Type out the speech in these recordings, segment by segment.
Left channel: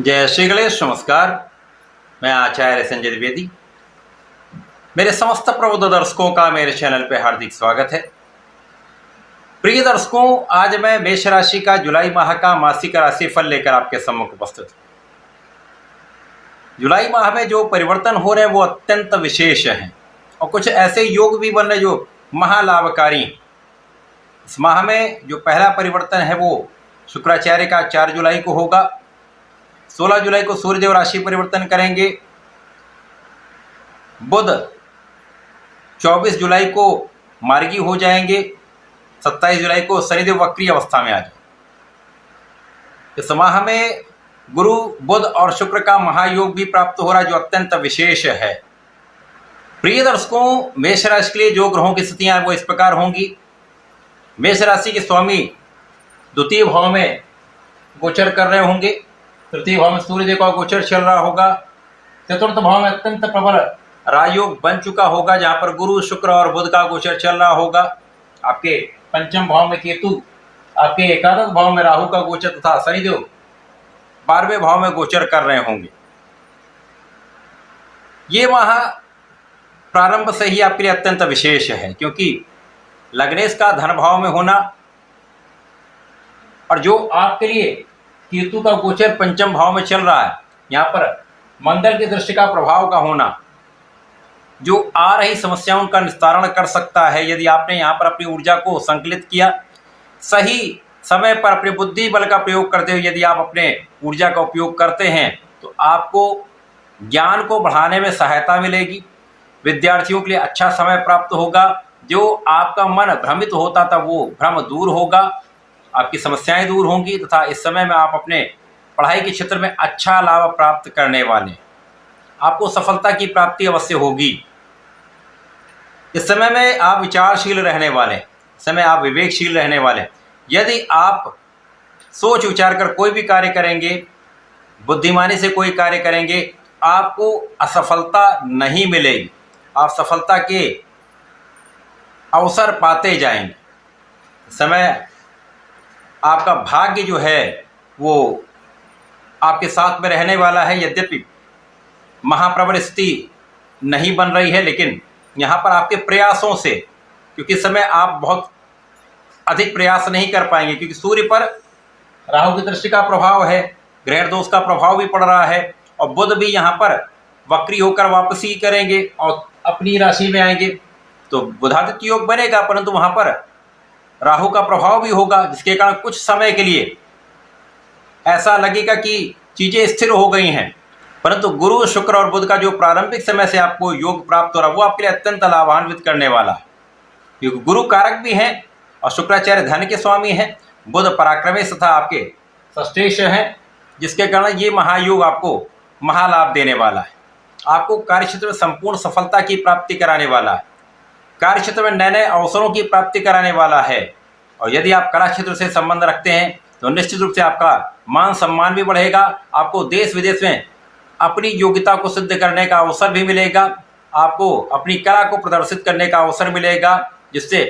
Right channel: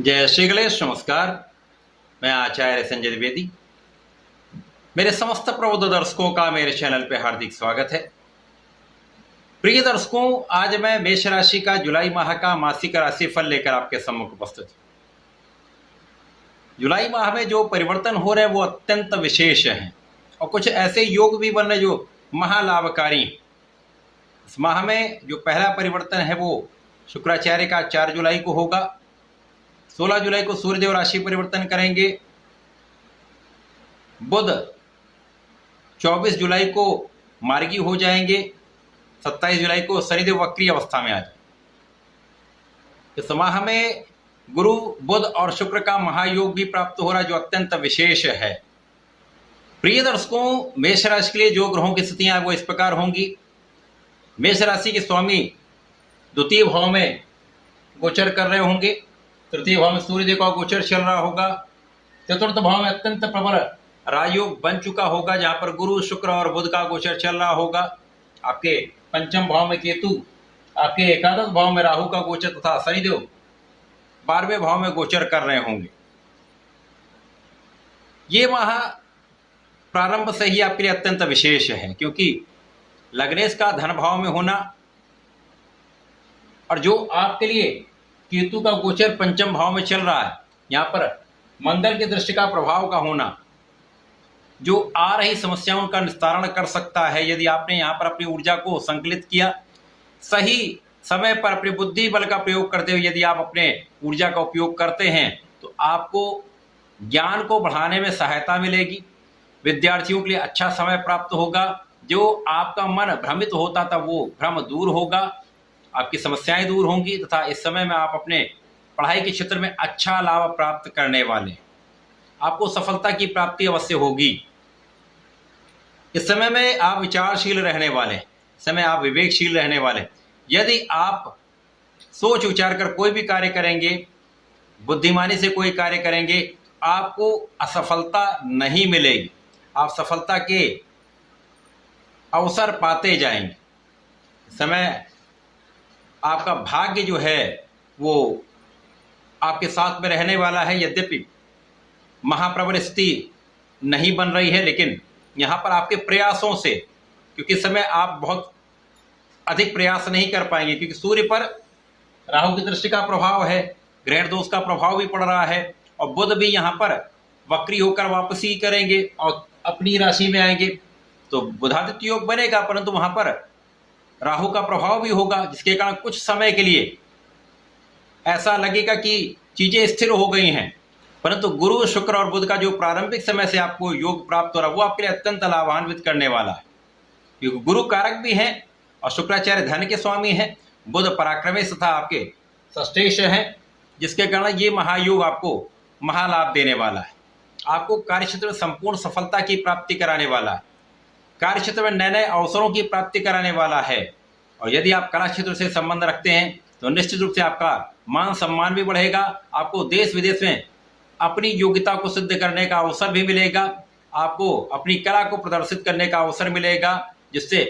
जय श्री गणेश। नमस्कार, मैं आचार्य संजय द्विवेदी। मेरे समस्त प्रबुद्ध दर्शकों का मेरे चैनल पे हार्दिक स्वागत है। प्रिय दर्शकों, आज मैं मेष राशि का जुलाई माह का मासिक राशिफल लेकर आपके सम्मुख उपस्थित हूँ। जुलाई माह में जो परिवर्तन हो रहे हैं वो अत्यंत विशेष हैं और कुछ ऐसे योग भी बन रहे जो महालाभकारी। इस माह में जो पहला परिवर्तन है वो शुक्राचार्य का 4 जुलाई को होगा। 16 जुलाई को सूर्यदेव राशि परिवर्तन करेंगे। बुध 24 जुलाई को मार्गी हो जाएंगे। 27 जुलाई को शनिदेव वक्री अवस्था में आ जाएंगे। इस माह में गुरु, बुध और शुक्र का महायोग भी प्राप्त हो रहा है जो अत्यंत विशेष है। प्रिय दर्शकों, मेष राशि के लिए जो ग्रहों की स्थितियां वो इस प्रकार होंगी। मेष राशि के स्वामी द्वितीय भाव में गोचर कर रहे होंगे। तृतीय भाव में सूर्यदेव का गोचर चल रहा होगा। चतुर्थ भाव में अत्यंत प्रबल राजयोग बन चुका होगा जहां पर गुरु, शुक्र और बुध का गोचर चल रहा होगा। आपके पंचम भाव में केतु, आपके एकादश भाव में राहु का गोचर तथा शनिदेव 12वें भाव में गोचर कर रहे होंगे। ये माह प्रारंभ से ही आपके लिए अत्यंत विशेष है क्योंकि लग्नेश का धन भाव में होना और जो आपके लिए केतु का गोचर पंचम भाव में चल रहा है, यहाँ पर मंगल की दृष्टि का प्रभाव का होना जो आ रही समस्याओं का निस्तारण कर सकता है। यदि आपने यहाँ पर अपनी ऊर्जा को संकलित किया, सही समय पर अपने बुद्धि बल का प्रयोग करते हुए यदि आप अपने ऊर्जा का उपयोग करते हैं तो आपको ज्ञान को बढ़ाने में सहायता मिलेगी। विद्यार्थियों के लिए अच्छा समय प्राप्त होगा। जो आपका मन भ्रमित होता था वो भ्रम दूर होगा, आपकी समस्याएं दूर होंगी तथा इस समय में आप अपने पढ़ाई के क्षेत्र में अच्छा लाभ प्राप्त करने वाले, आपको सफलता की प्राप्ति अवश्य होगी। इस समय में आप विचारशील रहने वाले, इस समय आप विवेकशील रहने वाले। यदि आप सोच विचार कर कोई भी कार्य करेंगे, बुद्धिमानी से कोई कार्य करेंगे, आपको असफलता नहीं मिलेगी। आप सफलता के अवसर पाते जाएंगे। इस समय आपका भाग्य जो है वो आपके साथ में रहने वाला है। यद्यपि महाप्रबल स्थिति नहीं बन रही है, लेकिन यहाँ पर आपके प्रयासों से, क्योंकि इस समय आप बहुत अधिक प्रयास नहीं कर पाएंगे क्योंकि सूर्य पर राहु की दृष्टि का प्रभाव है, ग्रह दोष का प्रभाव भी पड़ रहा है और बुध भी यहाँ पर वक्री होकर वापसी करेंगे और अपनी राशि में आएंगे। तो बुधादित्य योग बनेगा, परंतु वहाँ पर राहु का प्रभाव भी होगा जिसके कारण कुछ समय के लिए ऐसा लगेगा कि चीजें स्थिर हो गई हैं। परंतु गुरु, शुक्र और बुध का जो प्रारंभिक समय से आपको योग प्राप्त हो रहा है वो आपके लिए अत्यंत लाभान्वित करने वाला है क्योंकि गुरु कारक भी हैं और शुक्राचार्य धन के स्वामी हैं। बुध पराक्रमेश तथा आपके षष्ठेश हैं जिसके कारण ये महायोग आपको महालाभ देने वाला है। आपको कार्यक्षेत्र में संपूर्ण सफलता की प्राप्ति कराने वाला है। कार्यक्षेत्र में नए नए अवसरों की प्राप्ति कराने वाला है। और यदि आप कला क्षेत्र से संबंध रखते हैं तो निश्चित रूप से आपका मान सम्मान भी बढ़ेगा। आपको देश विदेश में अपनी योग्यता को सिद्ध करने का अवसर भी मिलेगा। आपको अपनी कला को प्रदर्शित करने का अवसर मिलेगा जिससे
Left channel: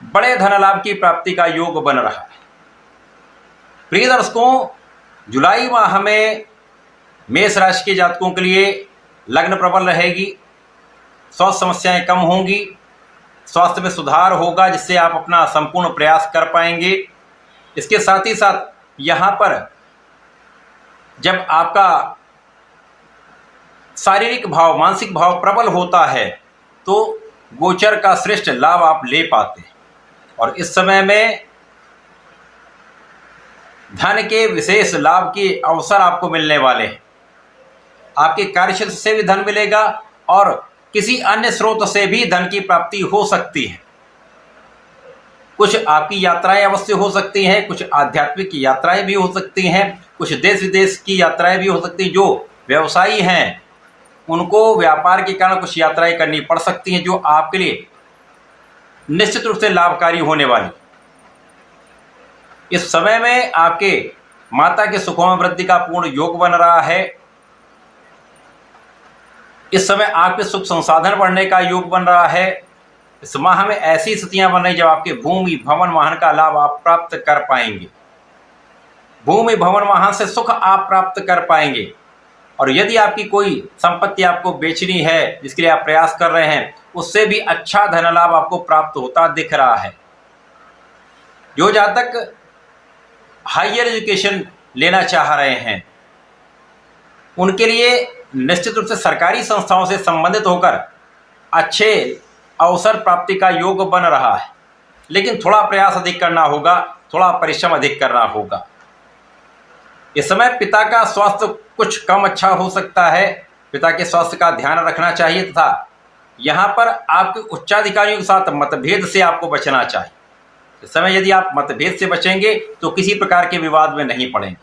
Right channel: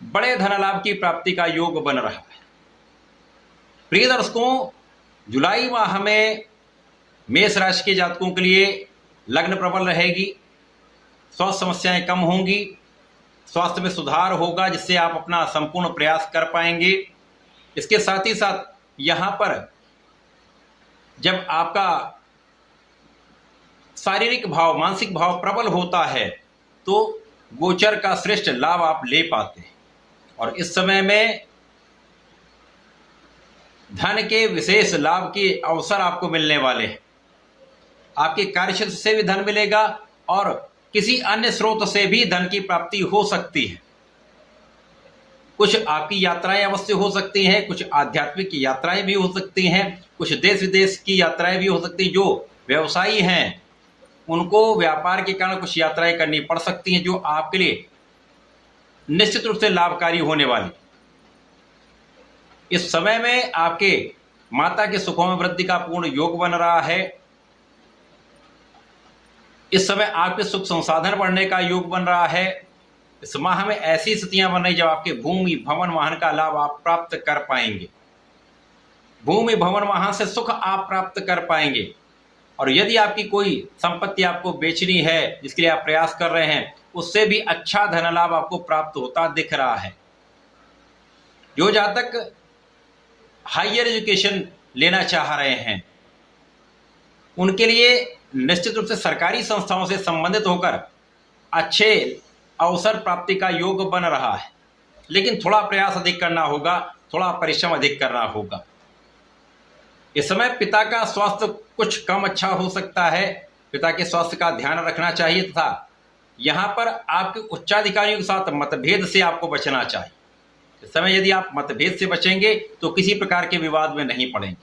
बड़े धन लाभ की प्राप्ति का योग बन रहा है। प्रिय दर्शकों, जुलाई माह में मेष राशि के जातकों के लिए लग्न प्रबल रहेगी। स्वास्थ्य समस्याएं कम होंगी, स्वास्थ्य में सुधार होगा जिससे आप अपना संपूर्ण प्रयास कर पाएंगे। इसके साथ ही साथ यहाँ पर जब आपका शारीरिक भाव, मानसिक भाव प्रबल होता है तो गोचर का श्रेष्ठ लाभ आप ले पाते हैं और इस समय में धन के विशेष लाभ के अवसर आपको मिलने वाले हैं। आपके कार्यक्षेत्र से भी धन मिलेगा और किसी अन्य स्रोत से भी धन की प्राप्ति हो सकती है। कुछ आपकी यात्राएं अवश्य हो सकती हैं, कुछ आध्यात्मिक यात्राएं भी हो सकती हैं, कुछ देश विदेश की यात्राएं भी हो सकती हैं। जो व्यवसायी हैं उनको व्यापार के कारण कुछ यात्राएं करनी पड़ सकती हैं जो आपके लिए निश्चित रूप से लाभकारी होने वाली। इस समय में आपके माता के सुखों में वृद्धि का पूर्ण योग बन रहा है। इस समय आपके सुख संसाधन बढ़ने का योग बन रहा है। इस माह में ऐसी स्थितियां बन रही जब आपके भूमि, भवन, वाहन का लाभ आप प्राप्त कर पाएंगे। भूमि भवन वाहन से सुख आप प्राप्त कर पाएंगे। और यदि आपकी कोई संपत्ति आपको बेचनी है जिसके लिए आप प्रयास कर रहे हैं, उससे भी अच्छा धन लाभ आपको प्राप्त होता दिख रहा है। जो जातक हायर एजुकेशन लेना चाह रहे हैं उनके लिए निश्चित रूप से सरकारी संस्थाओं से संबंधित होकर अच्छे अवसर प्राप्ति का योग बन रहा है, लेकिन थोड़ा प्रयास अधिक करना होगा, थोड़ा परिश्रम अधिक करना होगा। इस समय पिता का स्वास्थ्य कुछ कम अच्छा हो सकता है, पिता के स्वास्थ्य का ध्यान रखना चाहिए तथा यहाँ पर आपके उच्चाधिकारियों के साथ मतभेद से आपको बचना चाहिए। इस समय यदि आप मतभेद से बचेंगे तो किसी प्रकार के विवाद में नहीं पड़ेंगे।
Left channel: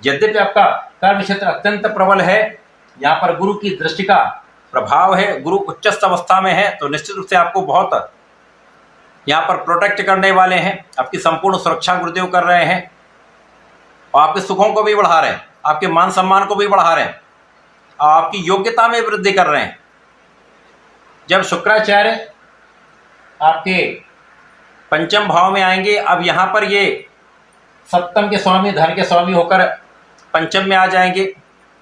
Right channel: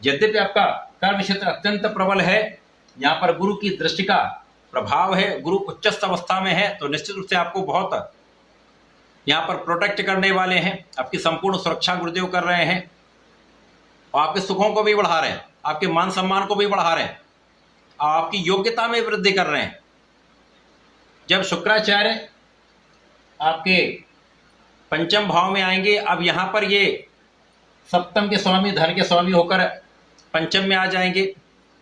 यद्यपि आपका कर्म क्षेत्र अत्यंत प्रबल है, यहाँ पर गुरु की दृष्टि का प्रभाव है, गुरु उच्चस्थ अवस्था में है, तो निश्चित रूप से आपको बहुत यहाँ पर प्रोटेक्ट करने वाले हैं, आपकी संपूर्ण सुरक्षा गुरुदेव कर रहे हैं और आपके सुखों को भी बढ़ा रहे हैं, आपके मान सम्मान को भी बढ़ा रहे हैं और आपकी योग्यता में वृद्धि कर रहे हैं। जब शुक्राचार्य आपके पंचम भाव में आएंगे, अब यहाँ पर ये सप्तम के स्वामी, धन के स्वामी होकर पंचम में आ जाएंगे,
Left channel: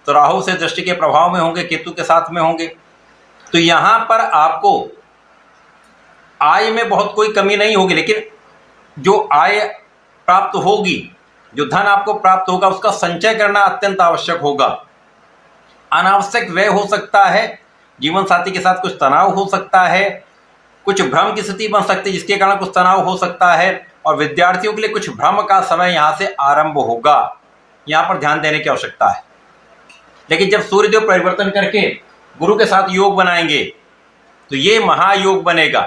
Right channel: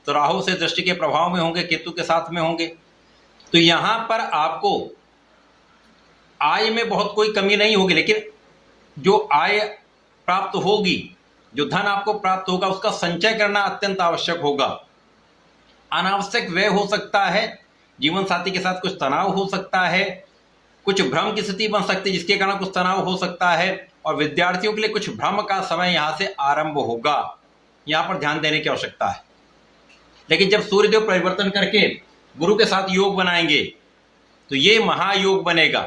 तो राहु से दृष्टि के प्रभाव में होंगे, केतु के साथ में होंगे, तो यहाँ पर आपको आय में बहुत कोई कमी नहीं होगी, लेकिन जो आय प्राप्त होगी, जो धन आपको प्राप्त होगा, उसका संचय करना अत्यंत आवश्यक होगा। अनावश्यक व्यय हो सकता है, जीवन साथी के साथ कुछ तनाव हो सकता है, कुछ भ्रम की स्थिति बन सकती है जिसके कारण कुछ तनाव हो सकता है, और विद्यार्थियों के लिए कुछ भ्रम का समय यहाँ से आरंभ होगा, यहाँ पर ध्यान देने की आवश्यकता है। लेकिन जब सूर्यदेव परिवर्तन करके गुरु के साथ योग बनाएंगे तो ये महायोग बनेगा।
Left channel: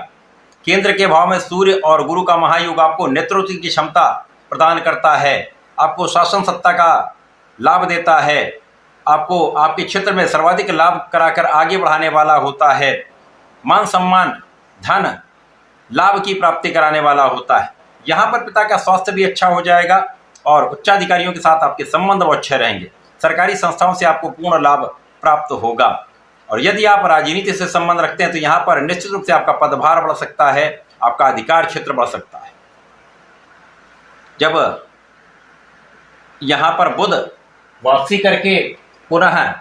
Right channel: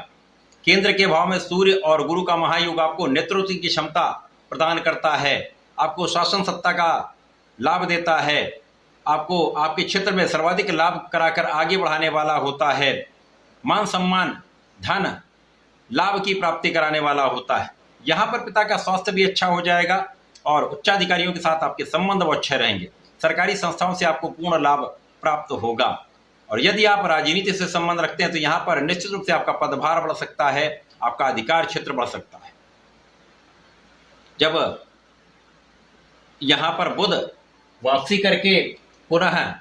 केंद्र के भाव में सूर्य और गुरु का महायोग आपको नेतृत्व की क्षमता प्रदान करता है, आपको शासन सत्ता का लाभ देता है, आपको आपके क्षेत्र में सर्वाधिक लाभ कराकर आगे बढ़ाने वाला होता है, मान सम्मान धन लाभ की प्राप्ति कराने वाला होता है। यहाँ पर पिता का स्वास्थ्य भी अच्छा हो जाएगा और उच्चाधिकारियों के साथ आपके संबंध बहुत अच्छे रहेंगे। सरकारी संस्थाओं से आपको पूर्ण लाभ प्राप्त होगा। और यदि आप राजनीति से संबंध रखते हैं तो यहाँ पर निश्चित रूप से आपका पदभार बढ़ सकता है, आपका अधिकार क्षेत्र बढ़ सकता है। जब यहाँ पर बुध वापसी करके पुनः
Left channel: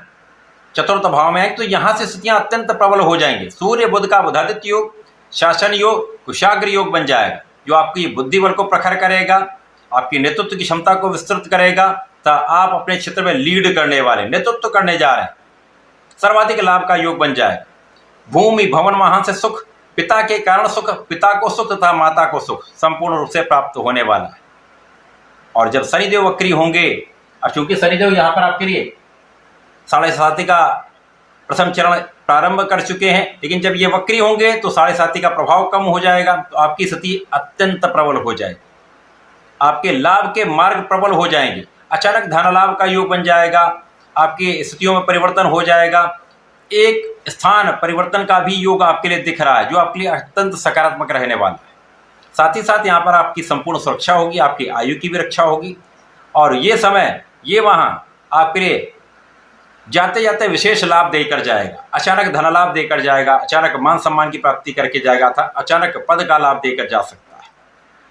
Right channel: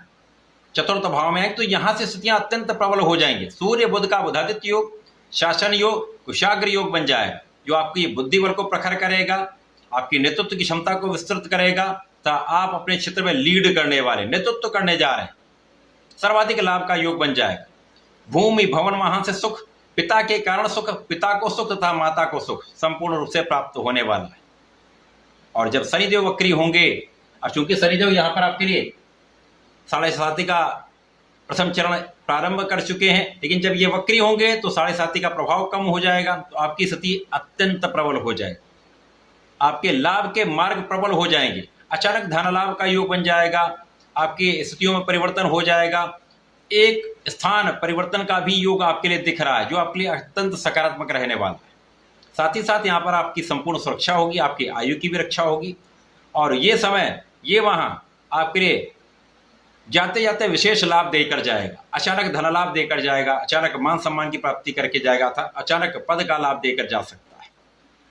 चतुर्थ भाव में आए तो यहाँ से स्थितियाँ अत्यंत प्रबल हो जाएंगी। सूर्य बुध का बुधादित्य योग, शासन योग, कुशाग्र योग बन जाएगा, जो आपकी बुद्धि बल को प्रखर करेगा, आपकी नेतृत्व की क्षमता को विस्तृत करेगा, तो आप अपने क्षेत्र में लीड करने वाले, नेतृत्व करने जा रहे हैं, सर्वाधिक लाभ का योग बन जाएगा। भूमि भवन वाहन से सुख, पिता के कारण सुख, पिता को सुख तथा माता को सुख संपूर्ण रूप से प्राप्त होने वाला है। और जब शनिदेव वक्री होंगे, और चूंकि शनिदेव यहाँ पर आपके लिए 7.5 का प्रथम चरण प्रारंभ कर चुके हैं, लेकिन जब ये वक्री होंगे तो 7.5 का प्रभाव कम हो जाएगा, तो आपकी स्थिति अत्यंत प्रबल हो जाएगी, आपके लाभ के मार्ग प्रबल हो जाएंगे, अचानक धन लाभ का योग बन जाएगा, आपकी स्थितियों में परिवर्तन हो जाएगा, एक स्थान परिवर्तन का भी योग आपके लिए दिख रहा है, जो आपके लिए अत्यंत सकारात्मक रहने वाला है। साथ ही साथ यहाँ पर आपकी संपूर्ण सुरक्षा होगी, आपकी आयु की भी रक्षा होगी, और ये समय ये वहाँ आपके लिए जाते जाते विशेष लाभ देकर जाएगा, अचानक धन लाभ देकर जाएगा, अचानक मान सम्मान की प्राप्ति करके जाएगा था, अचानक पद का लाभ देकर जा सकता है।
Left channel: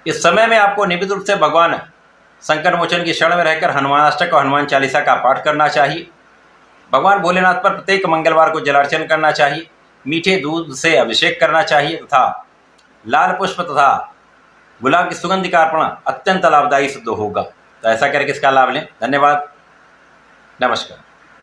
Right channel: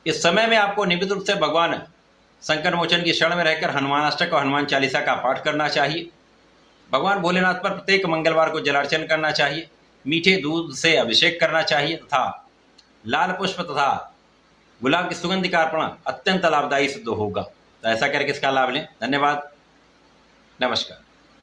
इस समय में आपको नियमित रूप से भगवान संकट मोचन की शरण में रहकर हनुमानाष्टक और हनुमान चालीसा का पाठ करना चाहिए। भगवान भोलेनाथ पर प्रत्येक मंगलवार को जलार्चन करना चाहिए, मीठे दूध से अभिषेक करना चाहिए तथा लाल पुष्प तथा गुलाब की सुगंध का अर्पण अत्यंत लाभदायी सिद्ध होगा। तो ऐसा करके इसका लाभ लें। धन्यवाद, नमस्कार।